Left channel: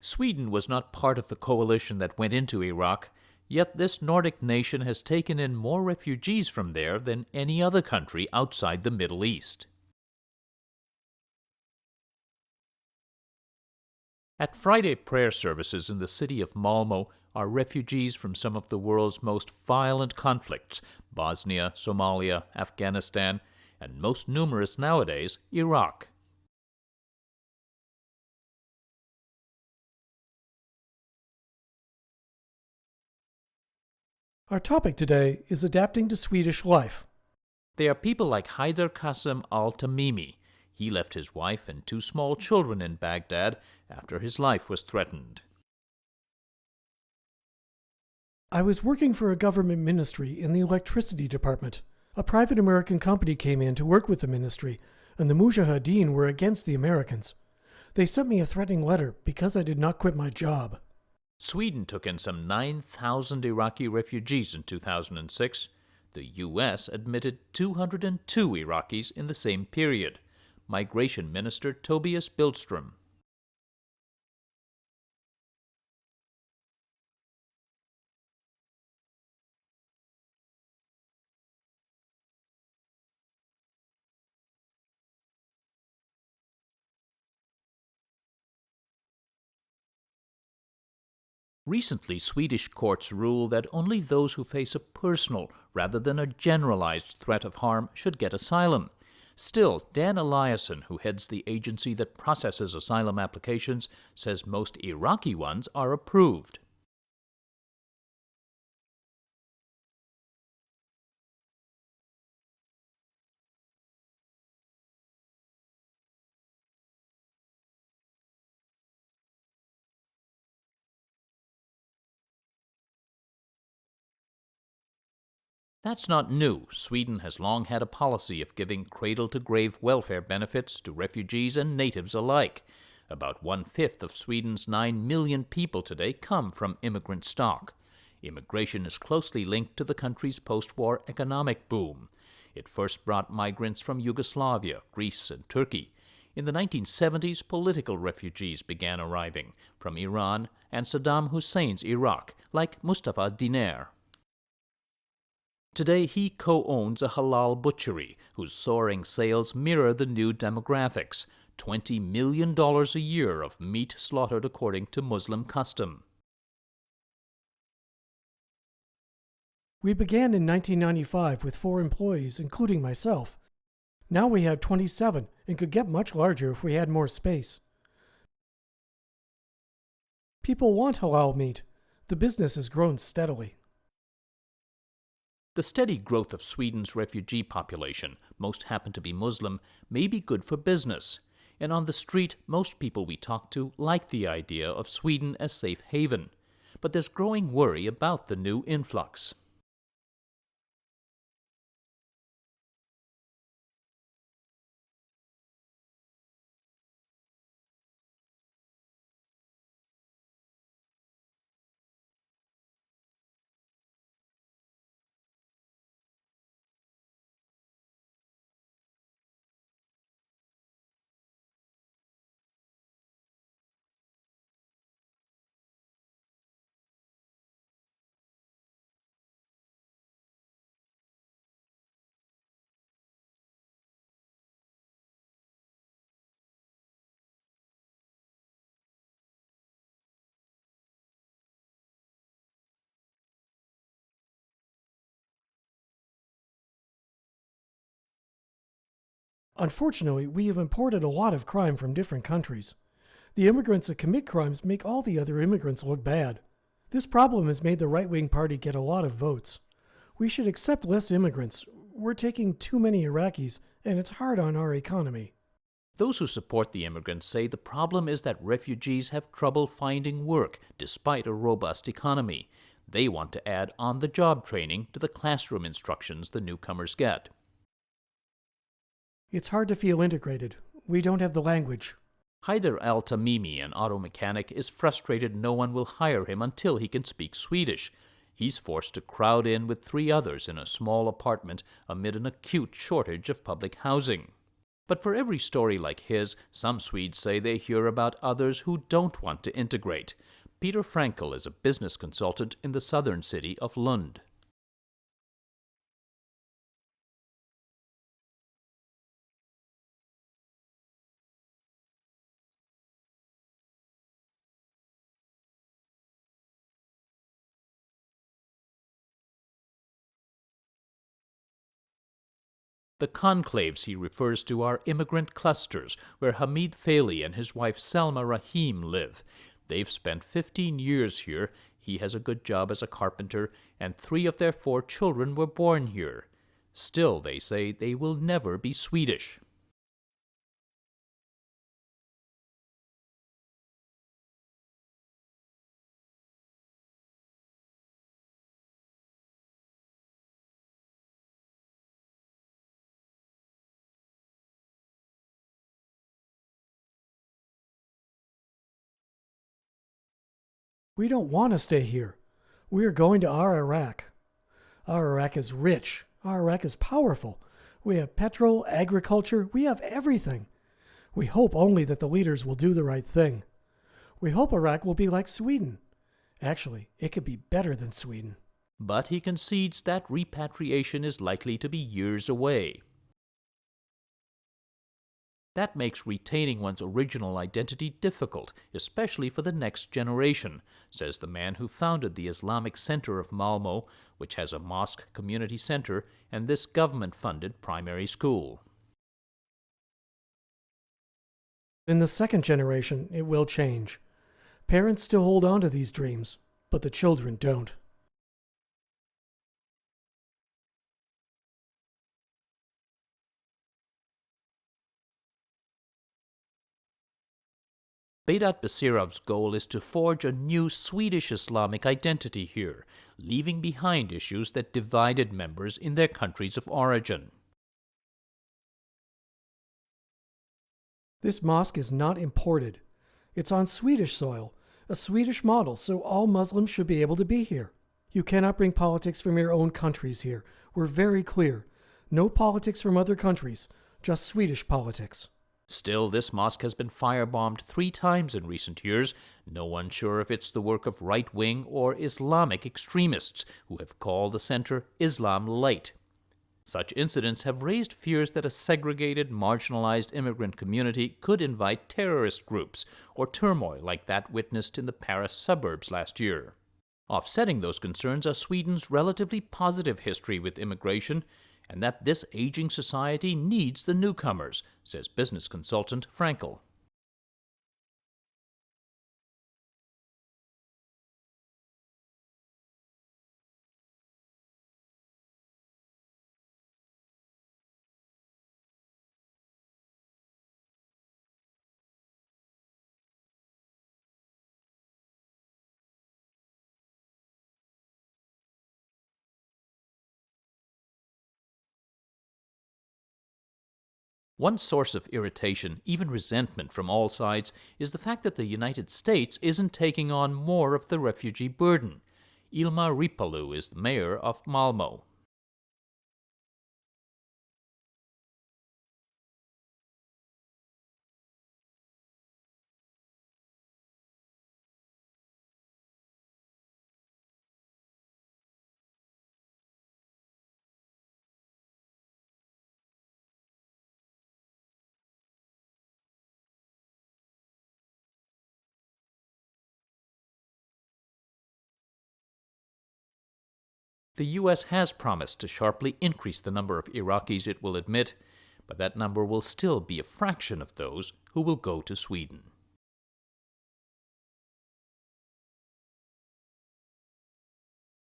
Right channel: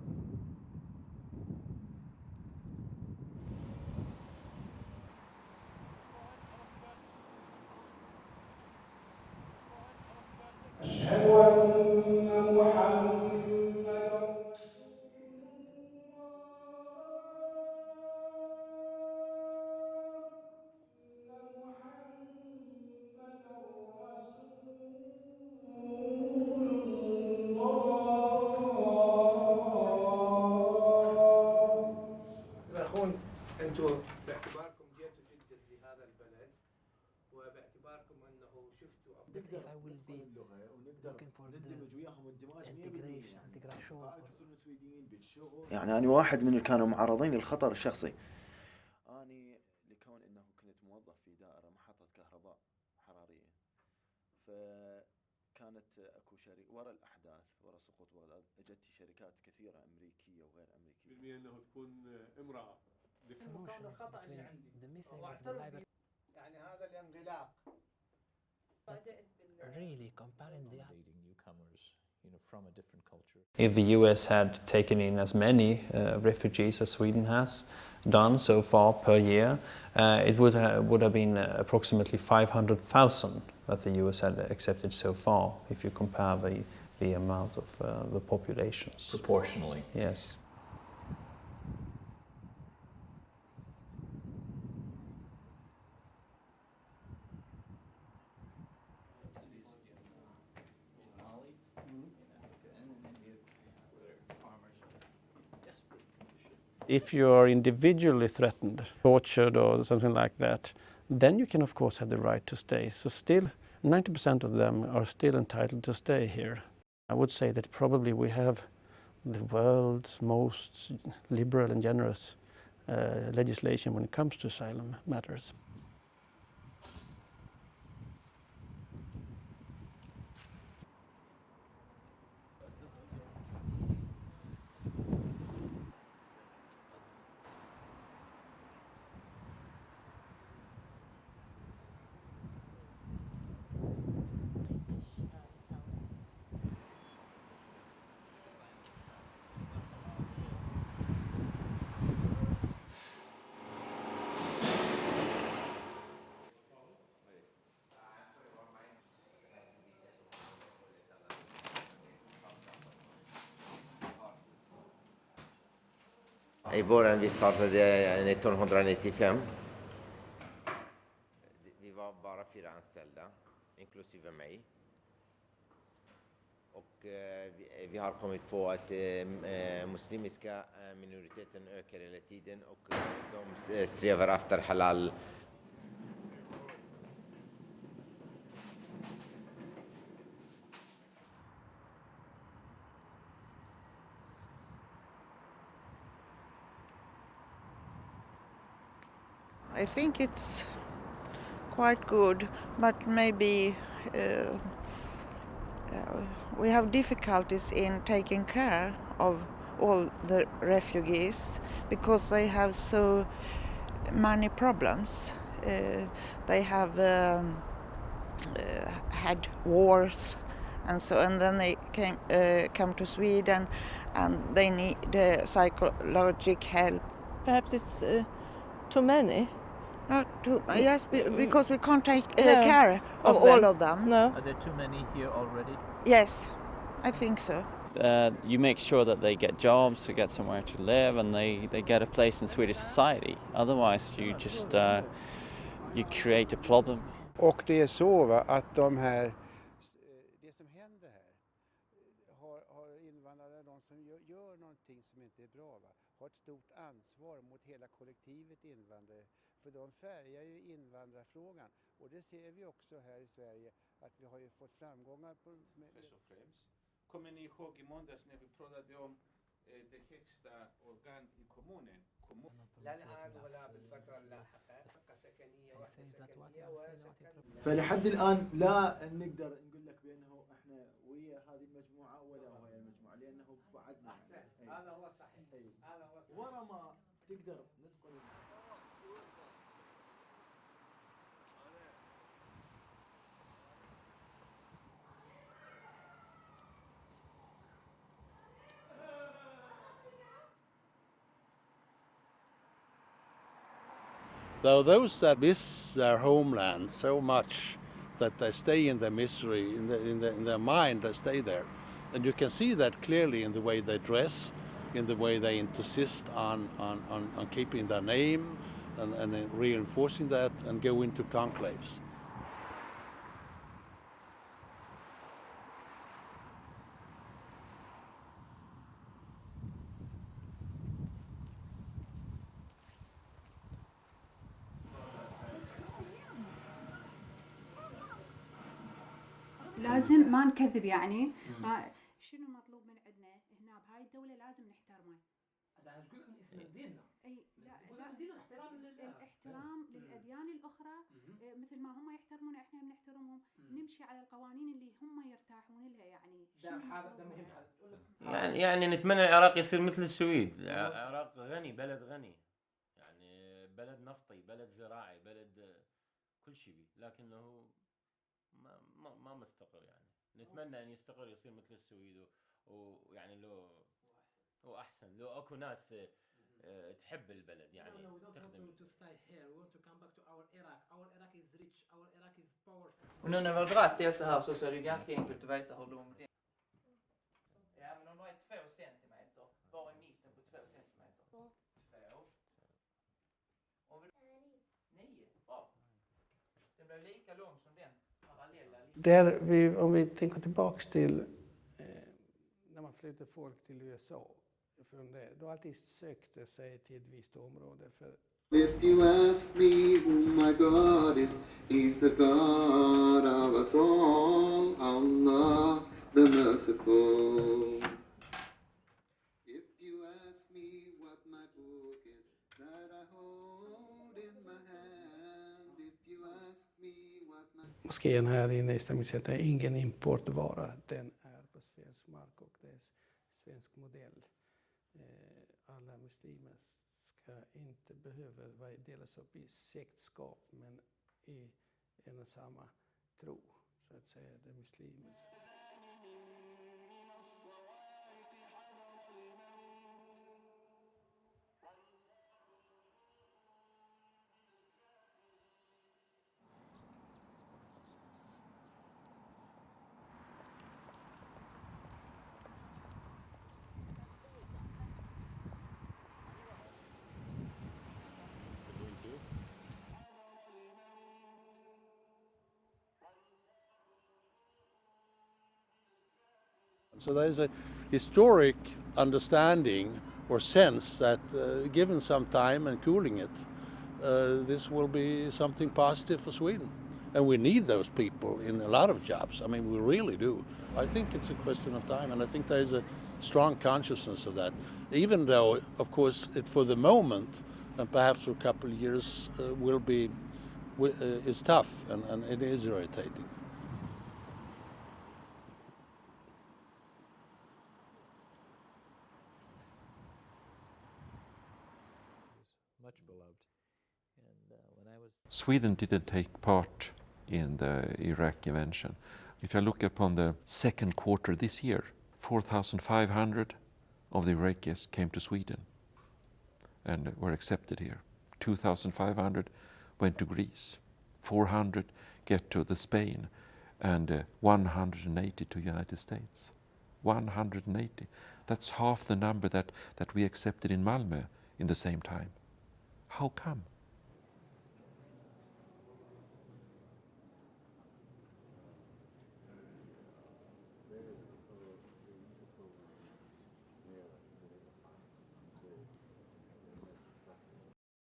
Sweden was not part of the coalition that went into Iraq, yet this Nordic nation has taken in more refugees from there than any other country outside the Middle East. At Friday prayer services in the city of Malmö are refugees from some of the world's most violent conflicts, Bosnia, Somalia, Afghanistan, and most numerous nowadays, Iraq. Our topic today is adapting to Swedish life. They are people like Fred de Sam Lazaro. He left his wife and two small children in Baghdad after his life was threatened. I was working for a government ministry in the electricity department. A private American company came in to work with the ministry, and the Mujahideen were against the Americans. They sent me a threatening letter because I did not quit my job. Sweden took in some 9,000 Iraqi refugees in 2006. The U.S. admitted 202 Iraqis in the same period. Migration Minister Tobias Billström. If the U.S. had taken in as many refugees as Sweden has done so far per year, it would have been approximately 500,000 that the U.S. had accepted so far, if you compare the amount of the populations. Proportionally. Yes. Recently, Swedish courts ruled that only those who face a personal rather than a generalized threat of harm should get asylum. Still, Dan Eliasson, who heads the agency that processes asylum applications, says most Iraqi ones are approved. If you are individually threatened, tortured or something like that, then you can of course have the right to stay. So still, 90% of them are still entitled to stay here. I would say that probably we have the world's most liberal and generous legislation when it comes to asylum matters. That's not new. Sweden has long had a policy of giving cradle-to-grave welfare benefits to refugees and natives alike. About 1/5 of Sweden's 9 million people today come from immigrant stock. Immigration is closely linked to the country's post-war economic boom. It first brought migrants from Yugoslavia, Greece, and Turkey. In the 1970s, political refugees began arriving from Iran and Saddam Hussein's Iraq, like Mustafa Diner. Today, he co-owns a Halal butchery, whose soaring sales mirror the new demographics. $20 million a year of meat slaughtered according to Muslim custom. We began in 1995 with 4 employees, including myself. Now we have 27 and could get much larger if we had more space. People want halal meat. The business has grown steadily. The steady growth of Sweden's refugee population, most happen to be Muslim, may be good for business. And on the street, most people we talk to like the idea of Sweden as safe haven. But there's growing worry about the new influx. I think it's quite good, but maybe we have difficulties in taking care of all the refugees because they have so many problems. They have had wars and so, and then they come to Sweden and they need psychological help. Perhaps it's too many. Yes, because we can't take care of all of them. No. Are there too many here already? Yes, I think so. You make sure that they get jobs, to get somewhere to live, and they get a place in Swedish society. Otherwise, you just you create a problem. Unfortunately, we have imported a lot of crime from different countries. The immigrants that commit crimes make all the other immigrants look bad. This problem has made the right-wing party get a lot of votes. We should accept less immigrants. We're taking too many Iraqis, and it's hard on our economy. Those who support the immigrants say the problem is that refugees have trouble finding work despite a robust economy. They want to add on-the-job training to the classroom instructions the newcomers get. It's hard to feel integrated. We don't have the language. Haider Al-Tamimi, an auto mechanic, is frustrated no one will hire him until he can speak Swedish. He's forced to crowd in with 3 others in a small apartment amid an acute shortage of public housing. But for every story like his, some Swedes say they hear about others who don't want to integrate. Peter Frankel is a business consultant in the southern city of Lund. Though those that miss their homeland so much that they stay in their misery, in their mind, they stay there. And you can see that clearly in the way they dress, in the way they insist on keeping their name and reinforcing that and go into conclaves. The conclaves he refers to are immigrant clusters where Hamid Faili and his wife Salma Rahim live. They've spent 15 years here. He has a good job as a carpenter, and 3 of their 4 children were born here. Still, they say they will never be Swedish. لازم ما نكذب يعني شنو مطلوب من عندنا هنا بهاي الدولة لازم نحترمه. اي لا الاحترام للأديان الأخرى مثل ما هم يحترمونا احنا بنحترمهم نمشي على القوانين اللي هم يرتاحون لها يعني. يعني نتمنى العراق يصير مثل السويد. We don't want to stay here. We are going to our Iraq. Our Iraq is rich. Our Iraq is powerful. We have petrol, agriculture, we have everything. We hope only that the leaders will do the right thing. We hope Iraq will be like Sweden. Actually, it could be better than Sweden. But he concedes that repatriation is likely to be years away. That makes retaining one's original identity difficult, especially for the next generation, says the man who founded the Islamic Center of Malmö, which has a mosque, community center, and this government-funded primary school. In the second generation, it will change. Parents still hold on to these dreams, but the children don't. If you ask me who my God is, He's the God of us all, Allah the Merciful. Bedat Basirov's goal is to forge a new Swedish Islamic identity here, leaving behind issues that divided members in their countries of origin. This mosque is not imported. It's on Swedish soil, a Swedish model, so all Muslims should be able to be here. You cannot bring politics from your own countries here. We're very clear. No politics from other countries, just Swedish politics. Still, this mosque has been firebombed 3 times in recent years. No one sure if it's the work of right-wing or Islamic extremists who have called the center Islam Light. Such incidents have raised fears that a segregated, marginalized immigrant community could invite terrorist groups or turmoil like that witnessed in the Paris suburbs last year. Offsetting those concerns are Sweden's relatively positive history with immigration, and that this aging society needs the newcomers, says business consultant Frankel. So there's a historic understanding or sense that given some time and cooling it, this will be something positive for Sweden. And we need those people in a lot of jobs. I mean, we really do. I think it's a question of time, and I think there's a strong consciousness of that. Even though, of course, it for the moment, and perhaps for a couple of years, is tough and it is irritating. One source of irritation, even resentment from all sides, is the fact that the United States isn't taking on more of the refugee burden. Ilma Ripalu is the mayor of Malmö. Sweden didn't take part in the Iraq invasion. If I look upon the second quarter this year, 4,500 of the Iraqis came to Sweden and were accepted here. 2,500 went to Greece, 400 get to Spain, and 180 to United States. 180. That's half the number that we accepted in Malmö in the same time. How come? The U.S. has promised to sharply increase the number of Iraqis it will admit, but that number will still be a fraction of those who will go to Sweden.